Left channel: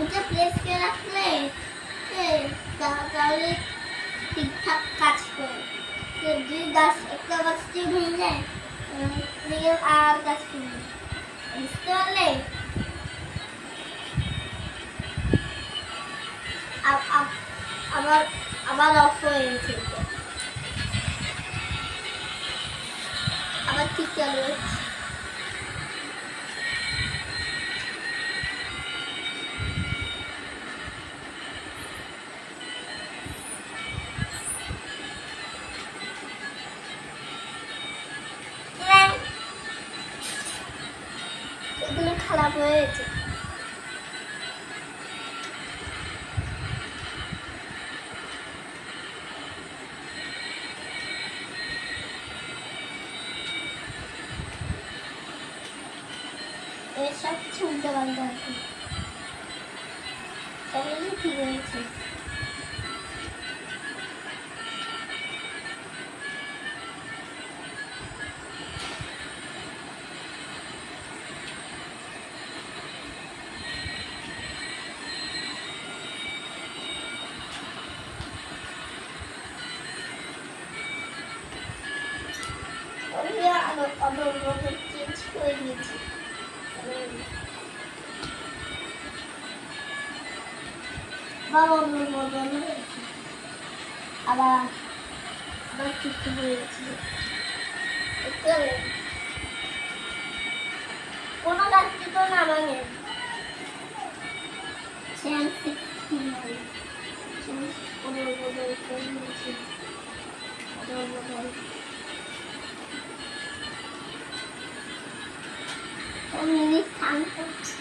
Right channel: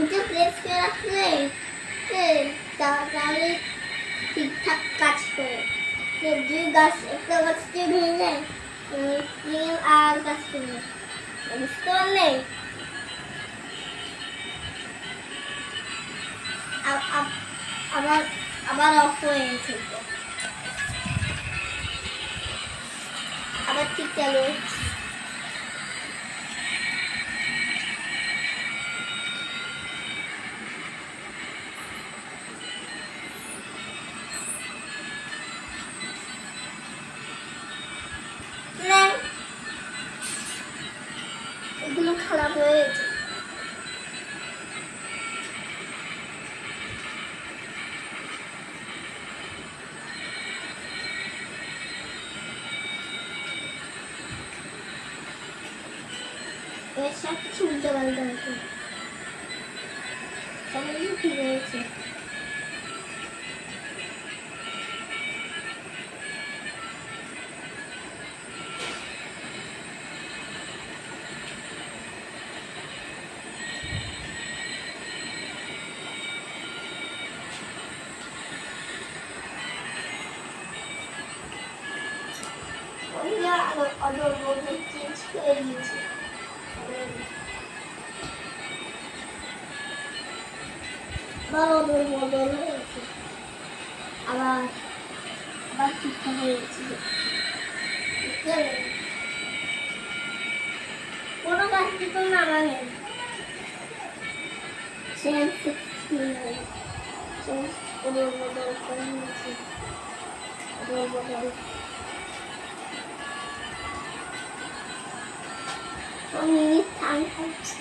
উঠে প্রেস করে রাখলে তাহলে ঠিকঠাক কাজ করে। যদি গাছ একটা গাছ যদি ভেঙে যায় আর গাছ করবে, বুঝতে পারলে? আবার আবার অফ হয়ে গেছে, আবার ঠিক চালু হচ্ছে। এগুলো খারাপ হয়েছে। এর সব কিছু উল্টে পাল্টে আছে, সবই ঠিক হয়েছে। অদল বদল চেঞ্জ করে দিয়েছি। অদল বদল হয়েছে, আবার আবার ঠিকঠাক হয়ে গেছে। কোনো গাছটি তো নামানে অদল বদল করে নিয়েছি। অদল বদল মিনিট টাইম হচ্ছে।